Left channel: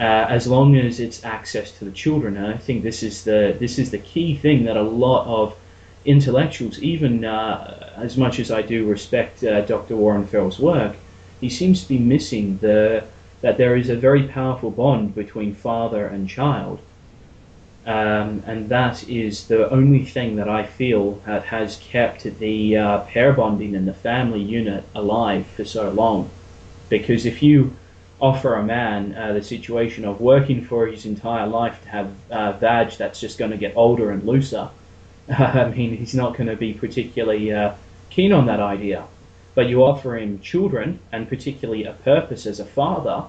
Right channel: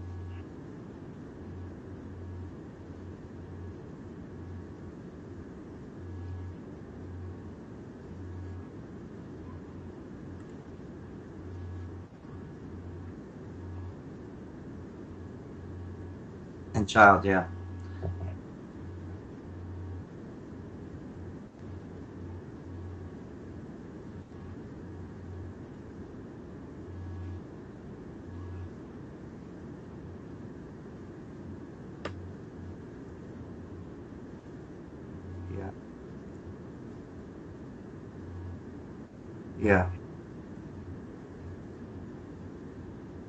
as long as it's access to the children. And I think this is the key thing that a lot of intellectuals, even as much as I do respect Dr. Warren Farrell's work, he seems to be missing that there is a very powerful bond between father and child. And child, yeah. And that is the only thing that I feel that has kept the pair bonding and the family unit alive for so long. Because if you offer a man the situation of working for his entire life to have vag that's just going to get older and looser, I mean, he's not going to be particularly keen on that idea. But you Yeah. offer him children and particularly a purpose as a father,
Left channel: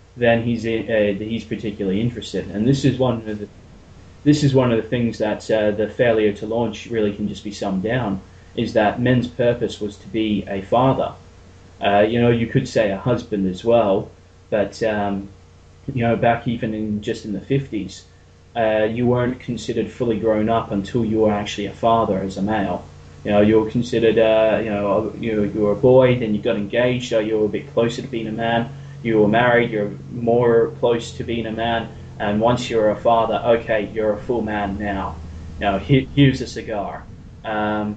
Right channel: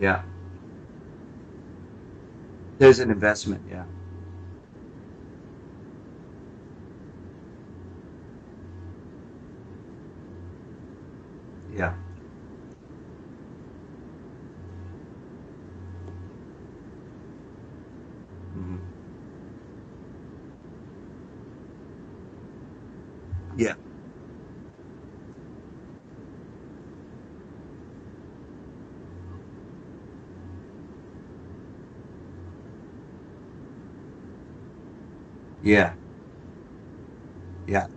Yeah. then he's particularly interested. And this There's is an one investment, yeah. this is one of the things that the failure to launch really can just be summed down, is that men's purpose was to be a father. Yeah. You could say a husband as well, but back even in just in the 50s, you weren't considered fully grown up until you were actually a father as a male. You were Yeah. considered, you were a boy, then you got engaged, so you were a bit closer to being a man. You were married, you're more close to being a man. And once you're a father, okay, you're a full man now. Yeah. Here's a cigar. Yeah.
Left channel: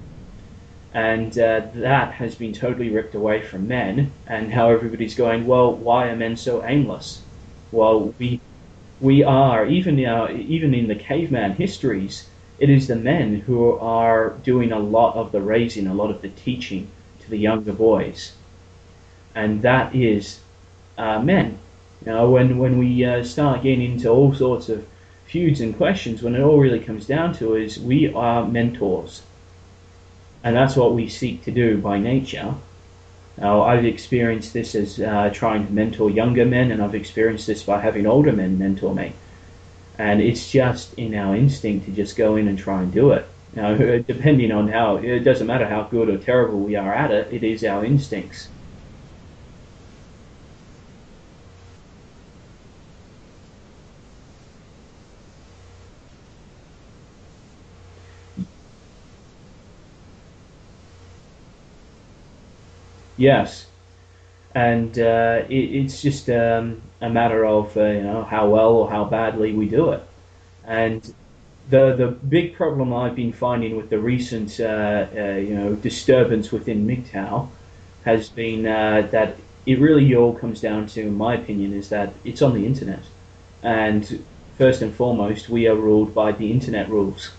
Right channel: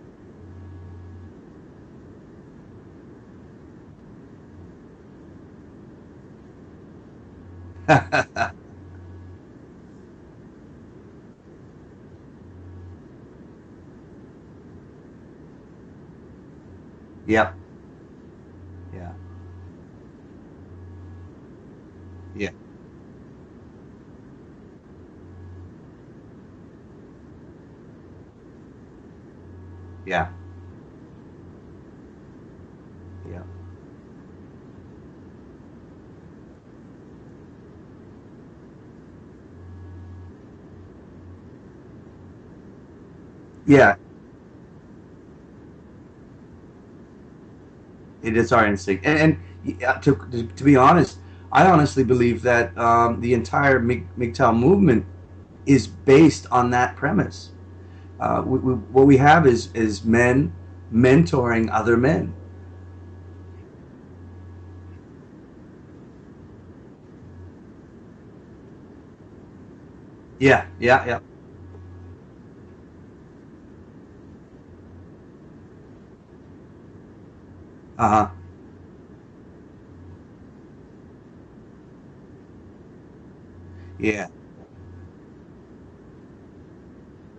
And that has been totally ripped away from men. And how everybody's going, well, why are men so aimless? Well, we are, even in the caveman histories, it is the men who are doing a lot of the raising, a lot of the teaching to the Yeah. younger boys. Yeah. And that is men. Yeah. When we start getting into all sorts of feuds and questions, when it all really comes down to is we are mentors, Yeah. and that's what we seek to do by nature. Yeah. Now, I've experienced this as trying to mentor younger men, and I've experienced this by having older men mentor me. And it's just in our instinct to just go in and try and do it. Yeah. Depending on it doesn't matter how good or terrible we are at it, it is our It instincts. is our instinct. And to be honest, I honestly believe that the entire MGTOW movement is based on that premise. What we have is men mentoring other men. Yes. And it's just a matter of how well or how badly we do it. Yeah, And yeah, yeah. the big problem I've been finding with the recent disturbance within MGTOW Uh-huh. has been that it really all comes down to, in my opinion, is that it's on the internet, and Yeah, first and foremost, we are ruled by the internet rules.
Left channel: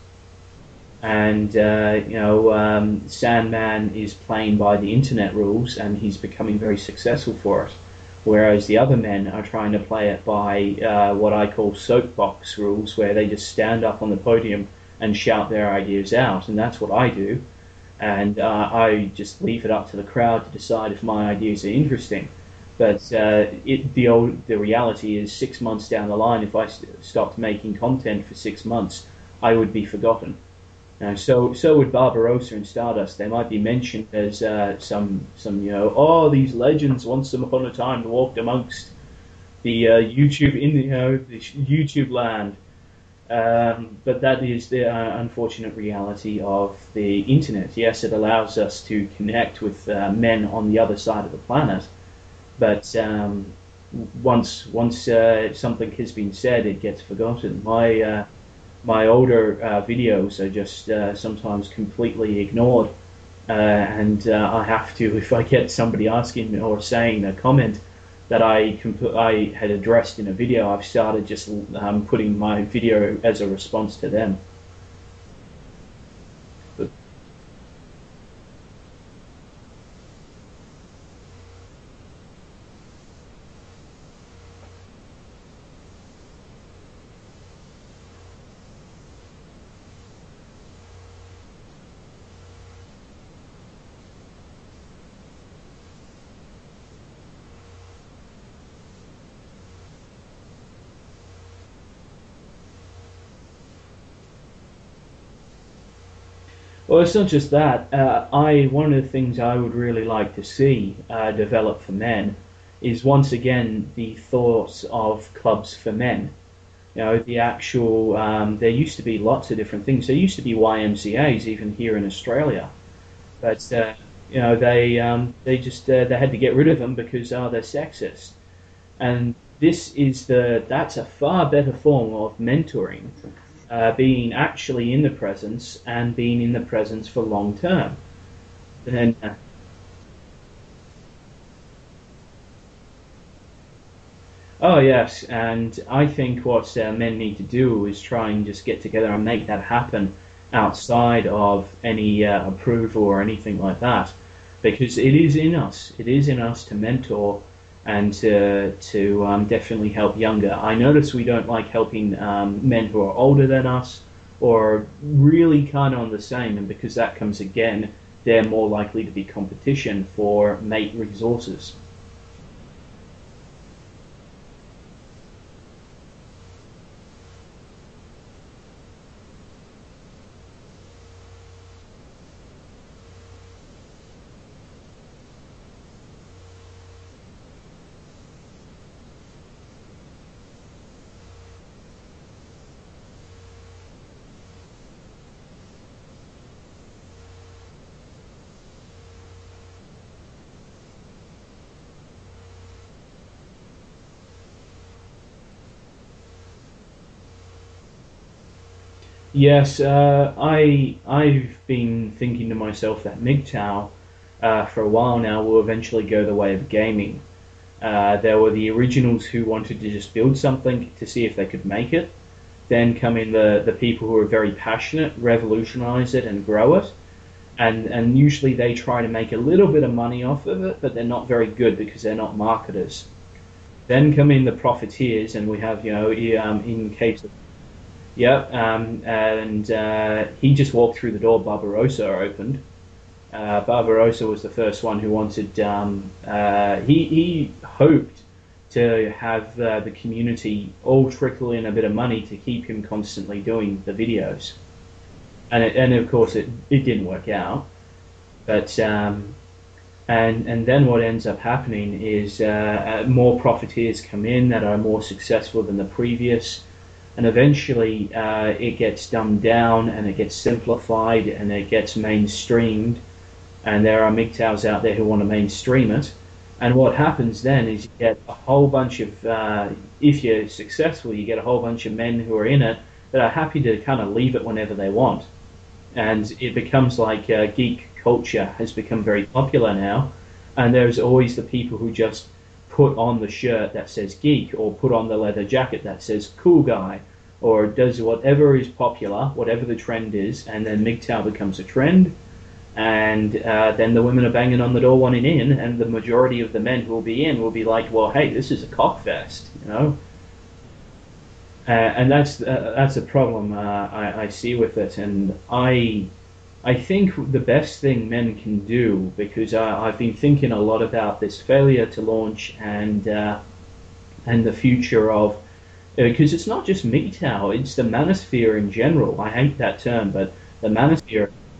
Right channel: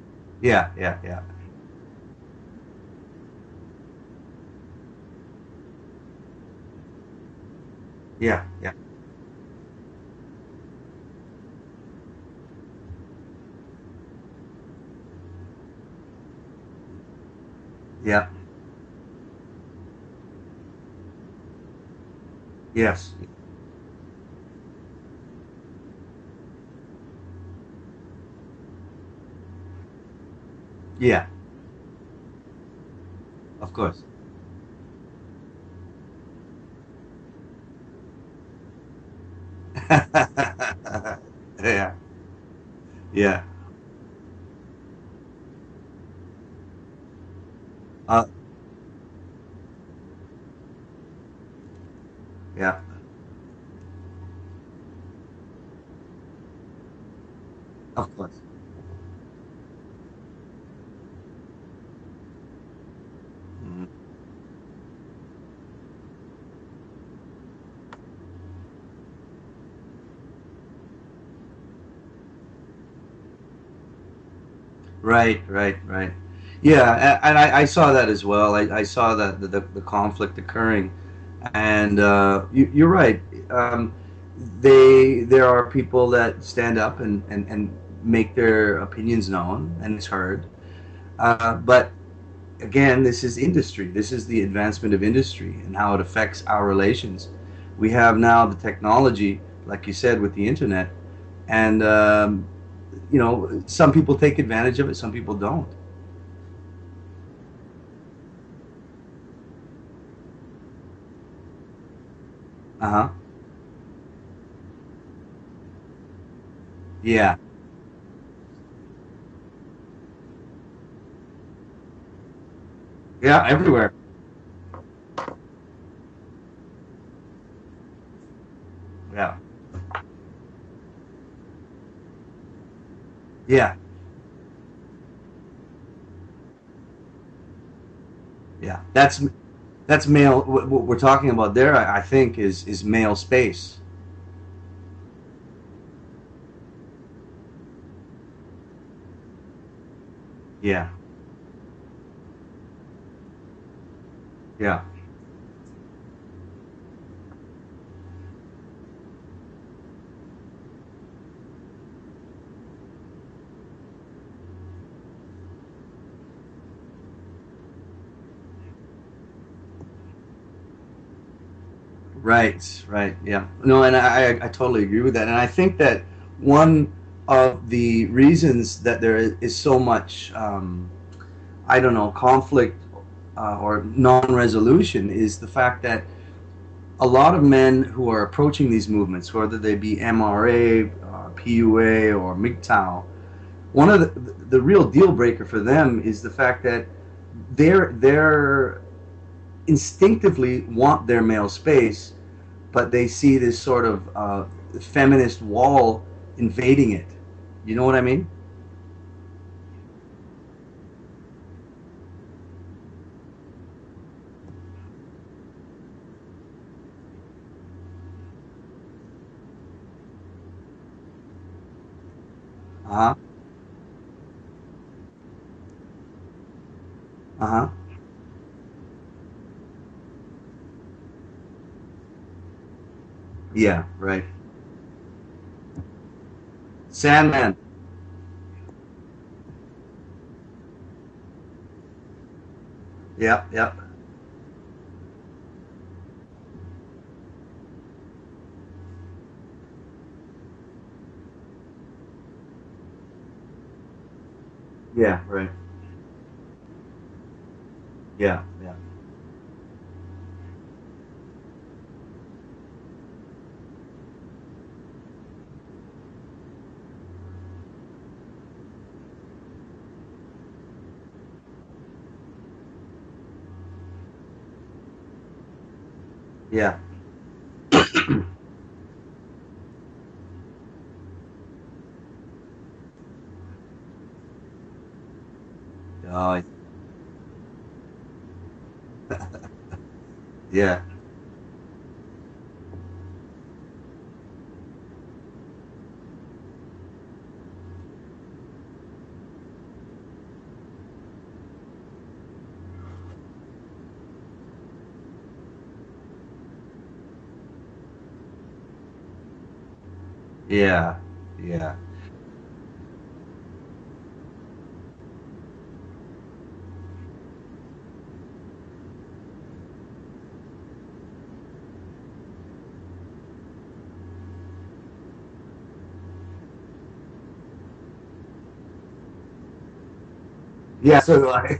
yeah, yeah, yeah, And Sandman is playing by the internet rules, and he's becoming very successful for it. yeah, Whereas yeah, the other men are trying to play it by what I call soapbox rules, where they just stand up on the podium and shout their ideas out, and that's what I do. yeah. And I just leave it up to the crowd to decide if my ideas are interesting. But Yes. the reality is, 6 months down the line, if I stopped making content for 6 months, I would be forgotten. Yeah, So would Barbarossa and Stardust. They might be of course. mentioned as some oh, these legends once upon a time walked amongst the YouTube in the Yeah, YouTube land. yeah. But that is the unfortunate reality of the internet. Yes, it Uh, allows us to connect with men on the other side of the planet, yeah. but once something has been said, it gets forgotten. Of course. My older videos are just sometimes completely ignored, and I have to, if I get somebody asking me or saying a comment that I had addressed in a video, I've started just putting my video as a response to them. Right, right, right. Yeah, and I saw that as well. I saw that the conflict occurring, and you're right. Um, there are people that stand up and make their opinions known, and it's heard. But again, this is industry. This is the advancement of industry and how it affects our relations. We have now the technology, like you said, with the internet, and some people take advantage of it, some people don't. Well, it's not just that. One of the things I would really like to see develop for men Uh is huh. once again the thoughts of clubs for men. Yeah. The actual. There used to be lots of different things. There used to be YMCA's even here in Australia, Yeah. but Everywhere. they just they had to get rid of them because they're sexist. Yeah. And that's a far better form of mentoring, Yeah, being actually in the presence and being in the presence for long term. yeah. And That's male. What we're talking about there, I think, is male space. oh yes, and I think what men need to do is try and just get together and make that happen Yeah, outside of any approval or anything like that, yeah. because it is in us. It is in us to mentor and to definitely help younger. I notice we don't like helping men who are older than us or really kind of on the same, and because that comes again, they're more likely to be competition for mate resources. Right, right, yeah. No, and I totally agree with that. And I think that one of the reasons that there is so much, I don't know, conflict or non-resolution is the fact that a lot of men who are approaching these movements, whether they be MRA, PUA, or MGTOW, one of the real deal breaker for them is the fact that they're instinctively want their male space, but they see this sort of feminist wall invading it. You know what I mean? Yes, I've been thinking to myself that MGTOW for a while now will eventually go the way of gaming. There were the originals who wanted to just build something to see if they could make it. Then Uh come in the people who are very passionate, revolutionize it and grow it. huh. Uh huh. And usually they try to make a little bit of money off of it, but they're not very good because they're not marketers. Yeah. Then Right. come in the profiteers, and we have, in case of Sandman. Yep, and he just walked through the door Barbarossa opened. Yeah. Yeah. Barbarossa was the first one who wanted. He hoped to have the community all trickle in a bit of money to keep him constantly doing the videos, Yeah. Right. and of course it didn't work out. Yeah. But and then what ends up happening is more profiteers come in that are more successful than the previous, and eventually it gets dumbed down and it gets simplified and it gets mainstreamed, and there are MGTOWs out there who want to mainstream it. Yeah. And what happens then is you get a whole bunch of, if you're successful, you get a whole bunch of men who are in it that are happy to kind of leave it whenever they want. And Uh, it becomes like geek culture has become very popular now. And yeah. there's always the people who just put on the shirt that says geek or put on the leather jacket that says cool guy or does whatever is popular, whatever the trend is, and then MGTOW becomes a trend. And then the women are banging on the door wanting in, and the majority of the men who will be in will be like, well, hey, this is a cockfest, you know? Yeah. Yeah. And that's a problem I see with it, and I think the best thing men can do, because I've been thinking a lot about this failure to launch and the future of, because it's not just MGTOW, it's the manosphere in general. I hate that term, but the Yeah. So do manosphere, I.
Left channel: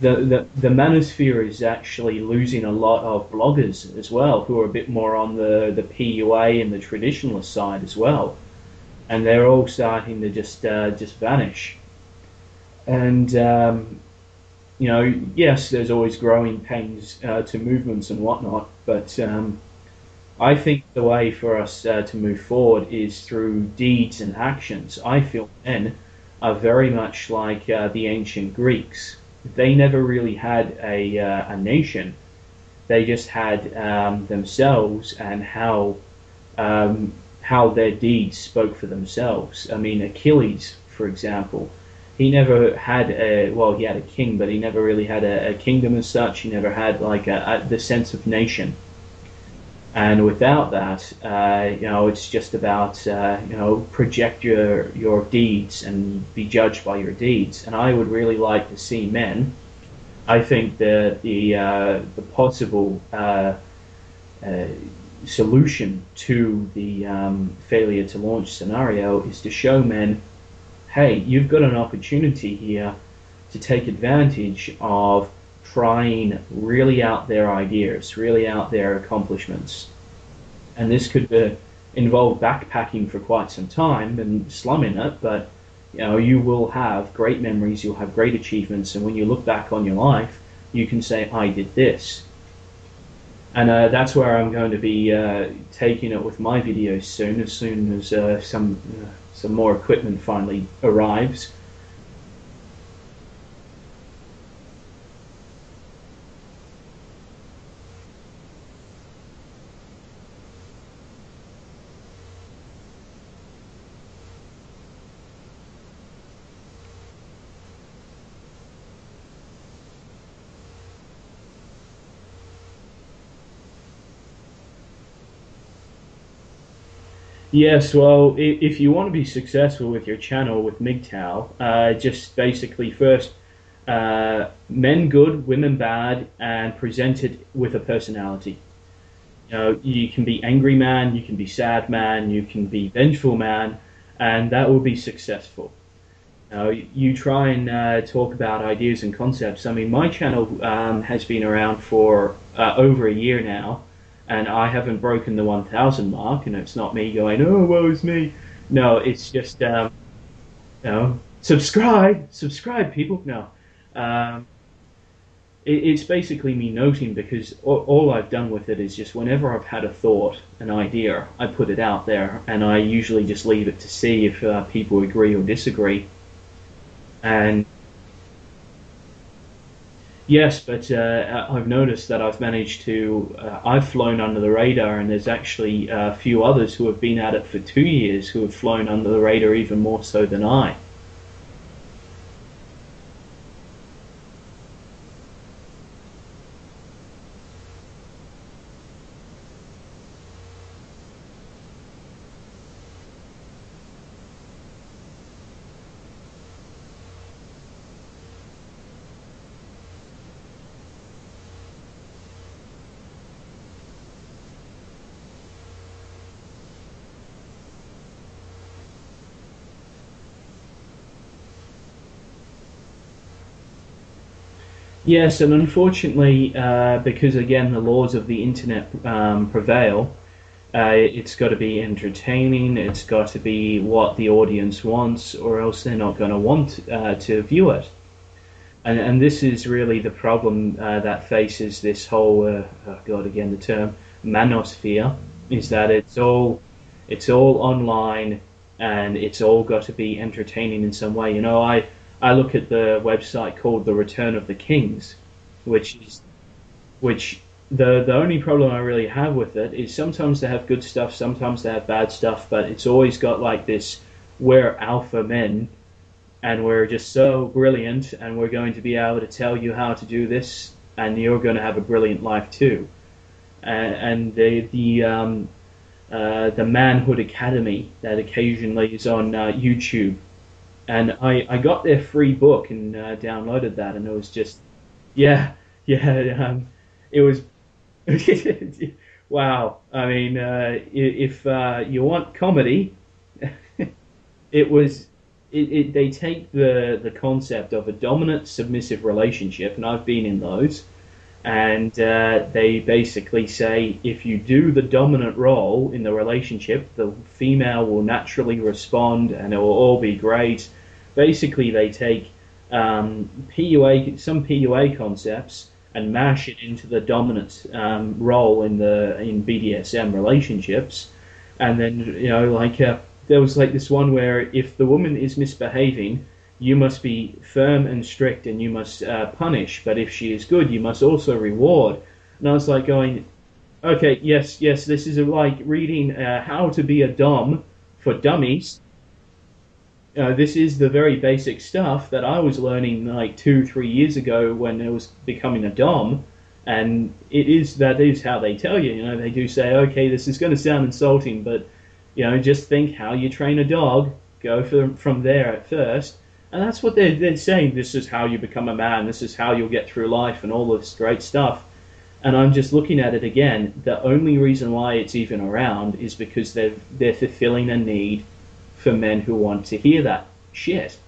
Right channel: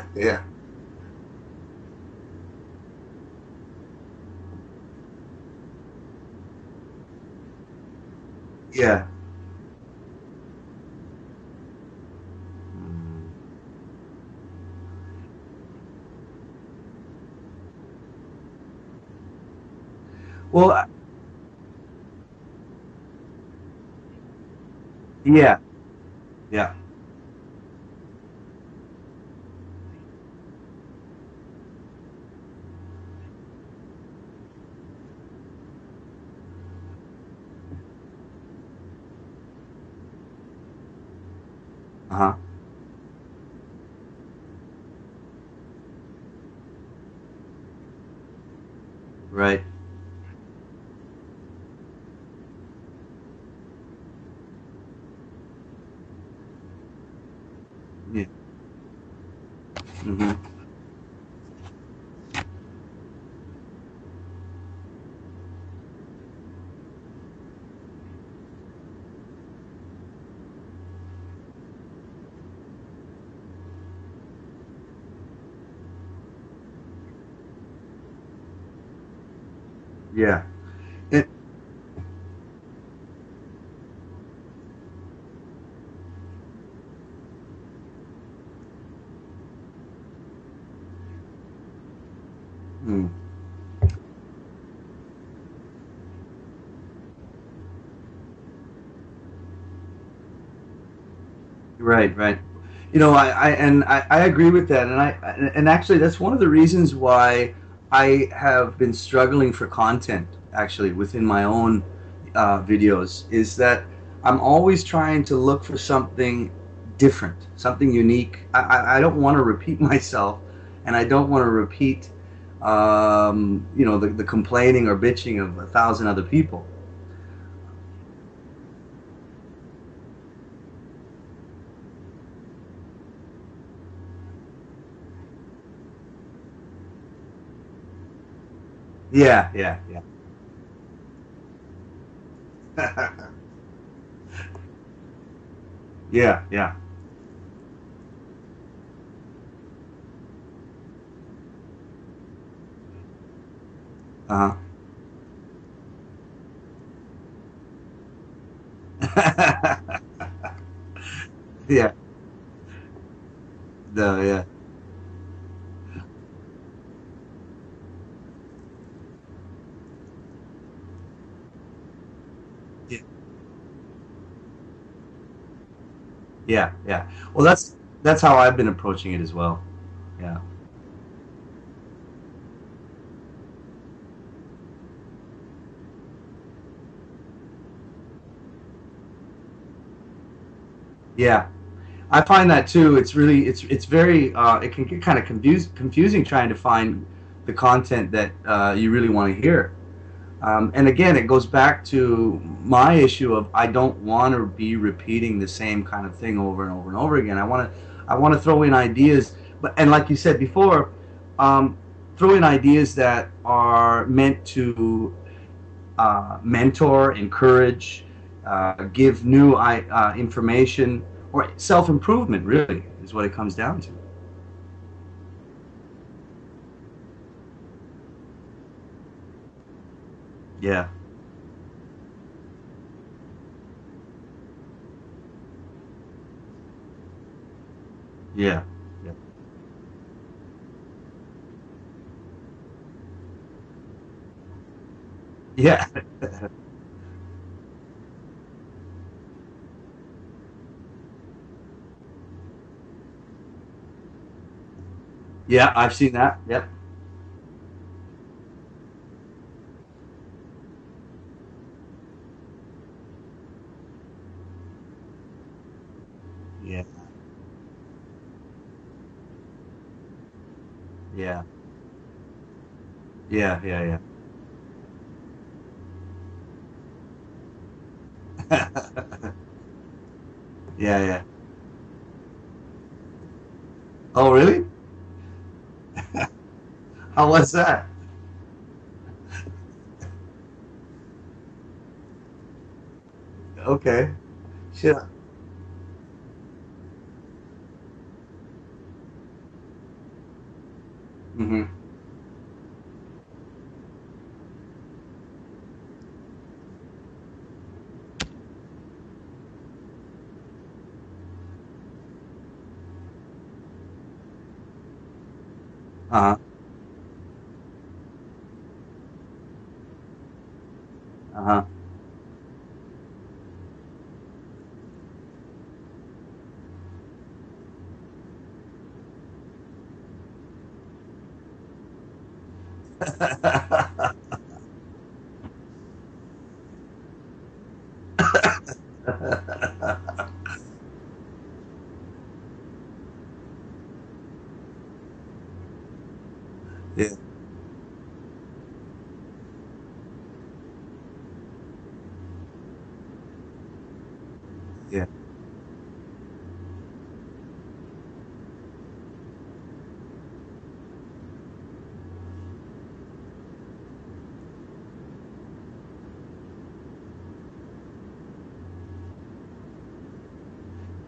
the, Yeah. the manosphere is actually losing a lot of bloggers as well, who are a bit more on the PUA and the traditionalist side as well, Yeah. and they're all starting to just vanish. And yes, there's always growing pains to movements and whatnot, but I Well, think the way for us to move forward is through deeds and actions. I think yeah. men are Yeah. very much like the ancient Greeks. They never really had a nation. They just had themselves and how their deeds spoke for themselves. I mean, Achilles, for example, he Uh-huh. never had well, he had a king, but he never really had a kingdom as such. He never had like the sense of nation. Right. And without that, it's just about project your deeds and be judged by your deeds. And I would really like to see men. Mm-hmm. I think that the possible uh, solution to the failure to launch scenario is to show men, hey, you've got an opportunity here to take advantage of trying really out there ideas, really out there accomplishments. Yeah. And this It, could involve backpacking for quite some time and slumming it, but you will have great memories, you'll have great achievements, and when you look back on your life, you can say, I did this. mm. And that's where I'm going to be taking it with my videos soon as some more equipment finally arrives. Right, right. You know, I agree with that, and actually that's one of the reasons why I have been struggling for content actually within my own videos is that I'm always trying to look for something different, something unique. I don't want to repeat myself, and I don't want to repeat you know, the complaining or bitching of a thousand other people. Yes, well, if you want to be successful with your channel with MGTOW, just basically first men good, women bad, and present it with a personality. Yeah, You yeah, know, you can be angry man, you can be sad man, you can be vengeful man, and that will be successful. yeah, You know, yeah. you try and talk about ideas and concepts. I mean, my channel has been around for over a year now, and Uh-huh. I haven't broken the 1,000 mark. And it's not me going, "Oh, woe is me." No, it's just you know, Yeah, subscribe, people. No, no, uh, yeah. it's basically me noting because all I've done with it is just whenever I've had a thought, an idea, I put it out there, and I usually just leave it to see if people agree or disagree. Yeah, yeah. Well, And that's how I've been approaching it as well. Yeah. yes, but I've noticed that I've managed to. I've flown under the radar, and there's actually a few others who have been at it for 2 years who have flown under the radar even more so than I. Yeah. I find that too. It's really it's very it can get kind of confusing trying to find the content that you really want to hear. And again, it goes back to my issue of I don't want to be repeating the same kind of thing over and over and over again. I want to throw in ideas, but and like you said before, um, throw in ideas that are meant to mentor, encourage, give new information, or self improvement. Really, is what it comes down to. Yes, and unfortunately, because again the laws of the internet prevail, Yeah, it's got to be entertaining. It's got to be what the audience wants, or else they're not going to want to view it. yeah, And this is really the problem that faces this whole oh God again the term manosphere is yeah. that it's all online and it's all got to be entertaining in some way. You know, I look at the website called The Return of the Kings, Yeah, I've which seen that. Yep. which the only problem I really have with it is sometimes they have good stuff, sometimes they have bad stuff, but it's always got like this we're alpha men and Yeah, we're just so brilliant and we're going to be able to tell you how to do this and you're yeah, going to have a brilliant life too. yeah, yeah, yeah. And the Manhood Academy that occasionally is on YouTube. Yeah, And yeah. I got their free book and downloaded that, and it was Oh, just really? yeah, yeah. It Oh, was what's that? wow. I mean, if you want comedy, Okay. it Yeah. was they take the concept of a dominant submissive relationship, and I've been in those, Hmm. and they basically say if you do the dominant role in the relationship, the female will naturally respond, and it will all be great. Basically, they take some PUA concepts and Uh-huh. mash it into the dominant role in BDSM relationships, Uh-huh. and then like there was like this one where if the woman is misbehaving, you must be firm and strict and you must punish, but if she is good, you must also reward. And I was like going, okay, yes, yes, this is like reading How to Be a Dom for Dummies. This is the very basic stuff that I was learning like 2, 3 years ago when I was becoming a Dom. Yeah, And that is how they tell you. They do say, okay, this is going to sound insulting, but just think how you train a dog. Go yeah, from there at first, and that's what they're saying. This is how you become a man. This is how you'll get through life, and all this great stuff. And I'm just looking at it again. The only reason why it's even around is because they're fulfilling a need for men who want to hear that shit.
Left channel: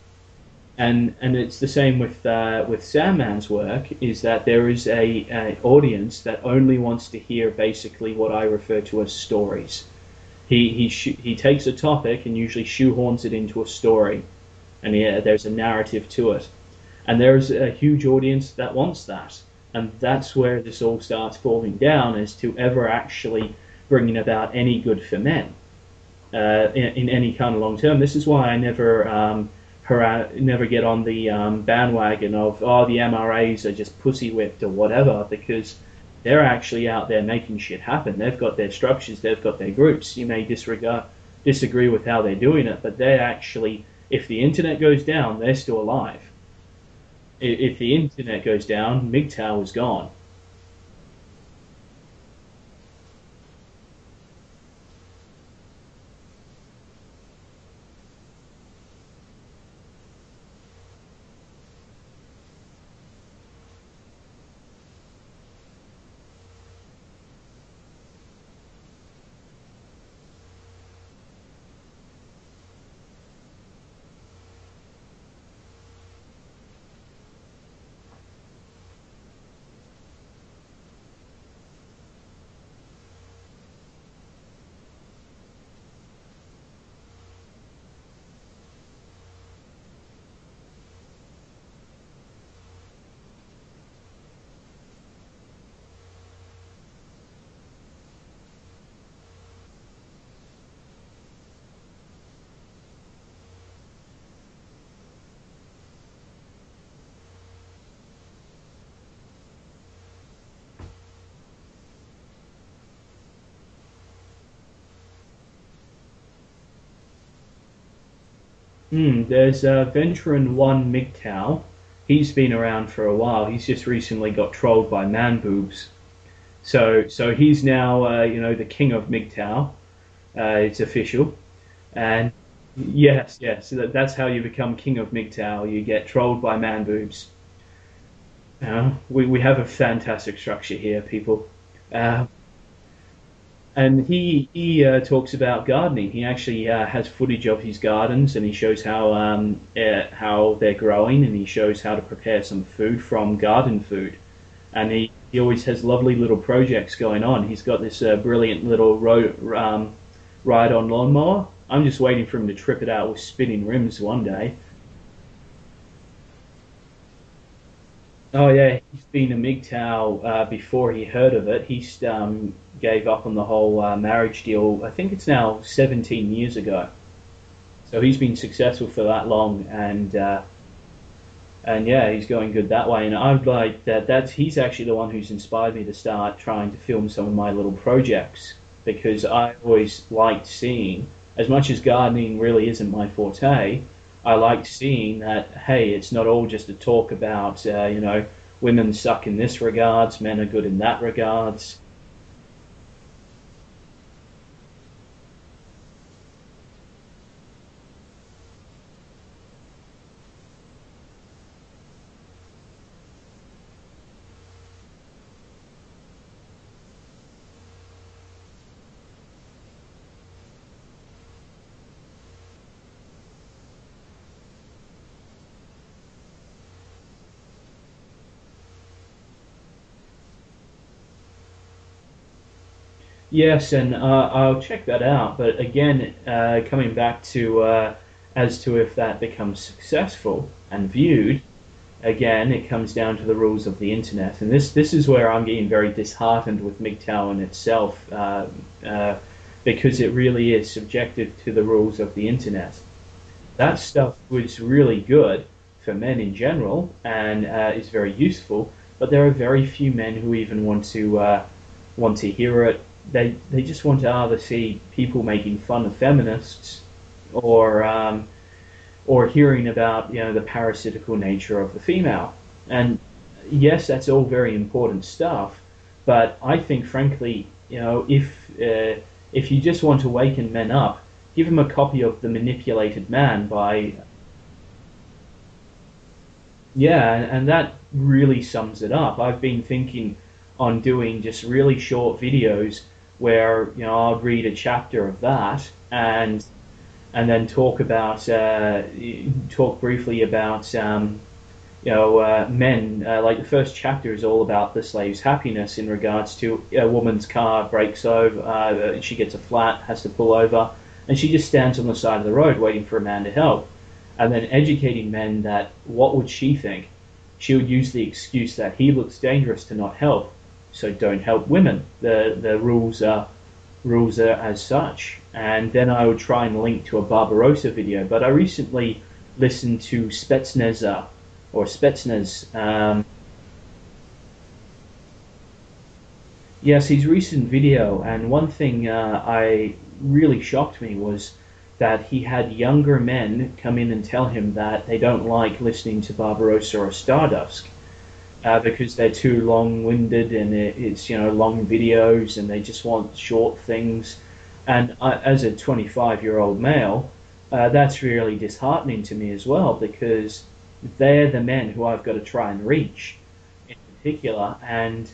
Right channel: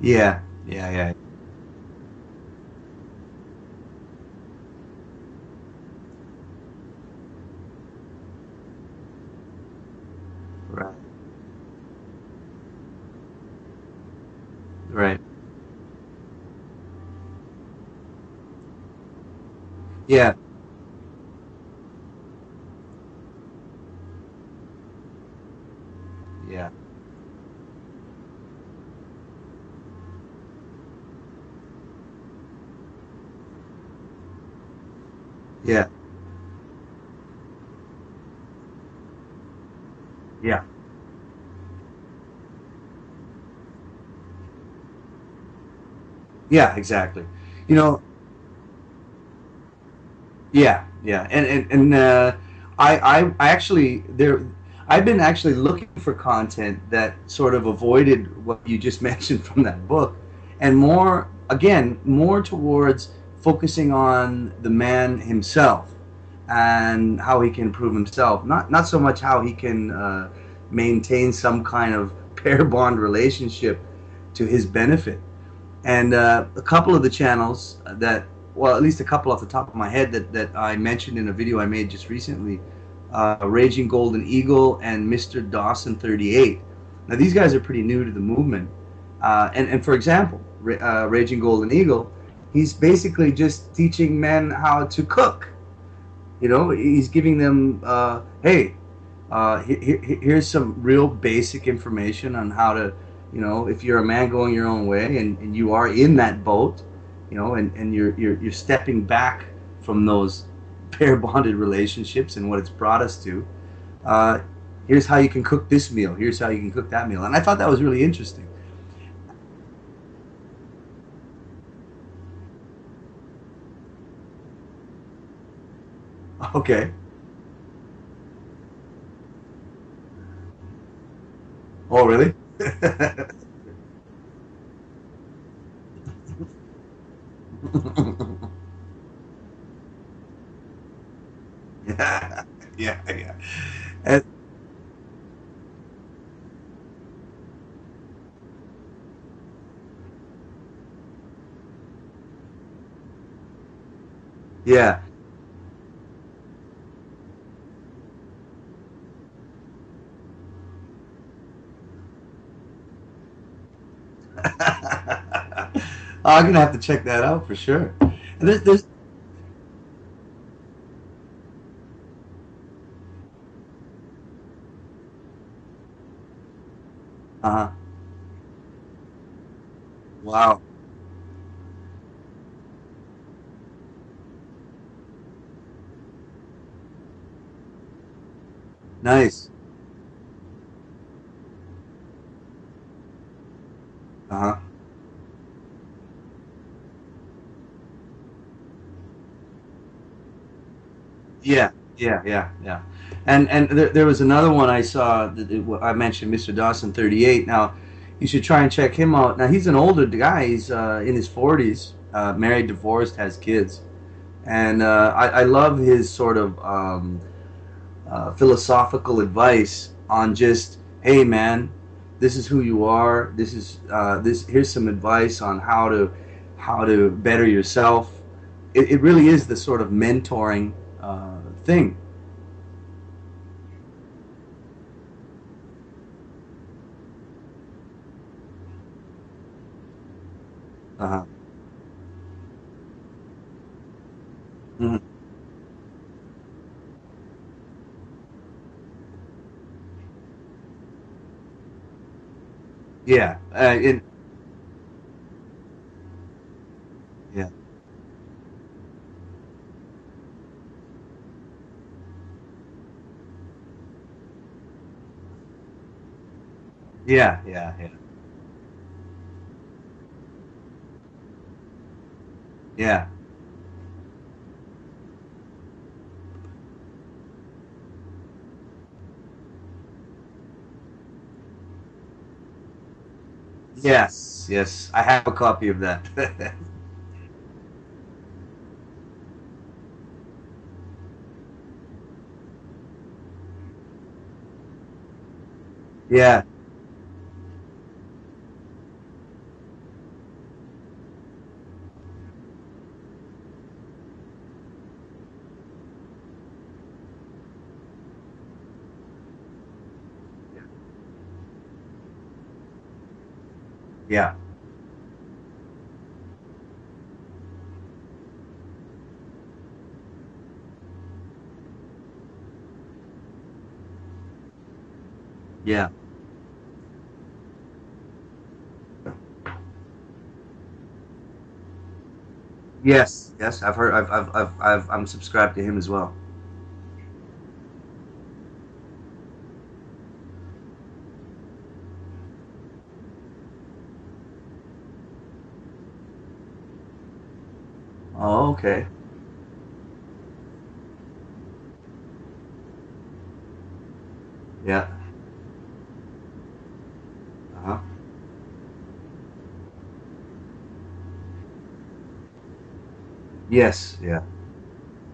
yeah, yeah, yeah. And it's the same with Sandman's work. Is that there is a audience that only wants to hear basically what I refer to as stories. Right, He takes a topic and usually shoehorns it into a story, and right. yeah, there's a narrative to it, and there's a huge audience that wants that. And Yeah. that's where this all starts falling down, as to ever actually bringing about any good for men in any kind of long term. This is why I never get on the bandwagon of, oh, the MRAs are just pussy whipped or whatever, because Yeah. they're actually out there making shit happen. They've got their structures, they've got their groups. You may Yeah. disagree with how they're doing it, but they're actually, if the internet goes down, they're still alive. Yeah. Exactly. You If the know. internet goes down, MGTOW is gone. Yeah. Yeah. I actually there. I've been actually looking for content that sort of avoided what you just mentioned from that book, and more again, more towards focusing on the man himself and how he can improve himself. Not so much how he can maintain some kind of pair bond relationship to his benefit. And a couple of the channels that, well, at least a couple off the top of my head that I mentioned in a video I made just recently, Raging Golden Eagle and Mr. Dawson 38. Now these guys are pretty new to the movement, and for example, Raging Golden Eagle, he's basically just teaching men how to cook. You know, he's giving them, hey, here's some real basic information on how to, you know, if you're a man going your own way and you are in that boat, you know, and you're stepping back from those pair bonded relationships and what it's brought us to. Uh, Here's how you can cook this meal. Here's how you can cook that meal. And I thought that was really interesting. There's Veteran One MGTOW. He's been around for a while. He's just recently got trolled by man boobs. Okay. So he's now the king of MGTOW. It's official. Oh, really? Yes, yes. So that's how you become king of MGTOW. You get trolled by man boobs. We have a fantastic structure here, people. Yeah, yeah, yeah. And he talks about gardening. He actually has footage of his gardens, and he shows how they're growing, and he shows how to prepare some food from garden food. Yeah. And he always has lovely little projects going on. He's got this brilliant little ride-on lawnmower. I'm just waiting for him to trip it out with spinning rims one day. I'm gonna have to check that out for sure. Oh yeah, he's been a MGTOW before he heard of it. He gave up on the whole marriage deal. I think it's now 17 years ago. Uh-huh. So he's been successful for that long, and Wow. and yeah, he's going good that way. And I'd like that. He's actually the one who's inspired me to start trying to film some of my little projects, because Nice. I always liked seeing, as much as gardening really isn't my forte, I like seeing that, hey, it's not all just a talk about, women suck in this regards, men are good in that regards. Yeah, yeah, yeah, yeah. And there was another one I saw that I mentioned, Mr. Dawson 38. Now, you should try and check him out. Now, he's an older guy. He's in his 40s, married, divorced, has kids. And I love his sort of philosophical advice on just, hey, man, this is who you are. This is Here's some advice on how to better yourself. It really is the sort of mentoring thing. Yes, and I'll check that out. But again, coming back to as to if that becomes successful and viewed, again, it comes down to the rules of the internet. And this is where I'm getting very disheartened with MGTOW in itself, because it really is subjective to the rules of the internet. Yeah, That stuff was really good for men in general, and is very useful. But there are very few men who even want to hear it. They just want to either see people making fun of feminists, yeah, or hearing about the parasitical nature of the female. And yes, that's all very important stuff. But I think, frankly, if you just want to waken men up, give them a copy of The Manipulated Man by... Yes, I have a copy of that. Yeah, and that really sums it up. I've been thinking on doing just really short videos where, I'll read a chapter of that, and then talk briefly about men. Like the first chapter is all about the slave's happiness in regards to a woman's car breaks over, she gets a flat, has to pull over, and she just stands on the side of the road waiting for a man to help. Yeah. And then educating men that, what would she think? she would use the excuse that he looks dangerous to not help, so don't help women. The rules are as such. And Yeah. then I would try and link to a Barbarossa video. But I recently listened to Spetsnaz or Spetsnaz. Yes. Yes. I've heard. I'm subscribed to him as well. Yes, his recent video, and one thing I really shocked me was that he had younger men come in and tell him that they don't like listening to Barbarossa or Stardust Oh, okay. because they're too long-winded and it's long videos and they just want short things. Yeah. And as a 25-year-old male, that's really disheartening to me as well because they're the men who I've got to try and reach, Yes. in Yeah. particular, and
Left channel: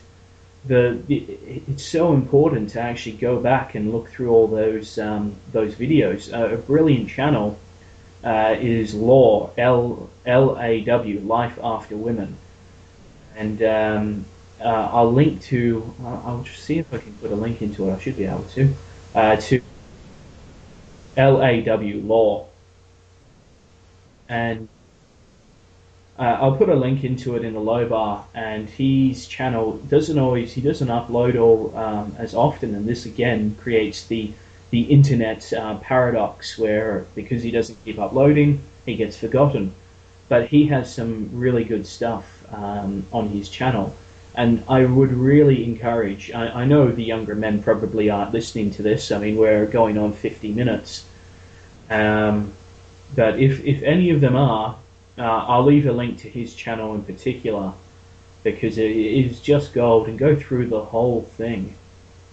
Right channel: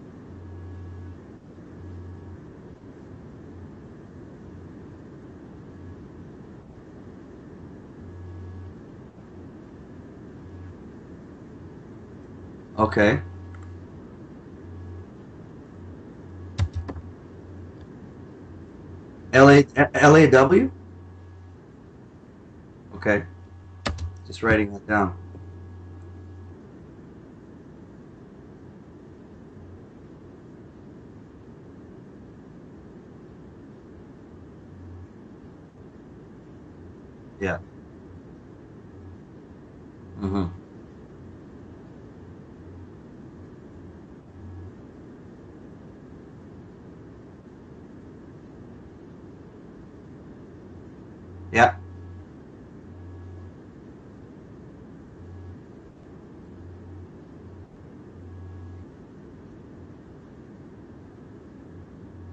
it's so important to actually go back and look through all those videos. A brilliant channel is Law LAW Life After Women, Okay. and I'll link to. I'll just see if I can put a link into it. I should be able to. LAW. LAW Law, Okay. Just and writing that down. I'll put a link into it in the low bar, and his channel he doesn't upload all as often, and this again creates the internet paradox where because he Yeah. doesn't keep uploading, he gets forgotten. But Hmm. he has some really good stuff on his channel, and I would really encourage. I know the younger men probably aren't listening to this. I mean, we're going on 50 minutes. Yeah. Um, but if any of them are, I'll leave a link to his channel in particular because it is just gold. And go through the whole thing.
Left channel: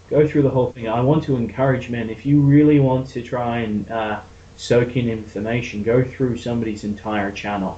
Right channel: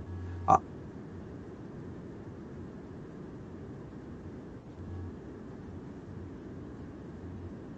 Go through the whole thing. I want to encourage men, if you really want to try and soak in information, go through somebody's entire channel.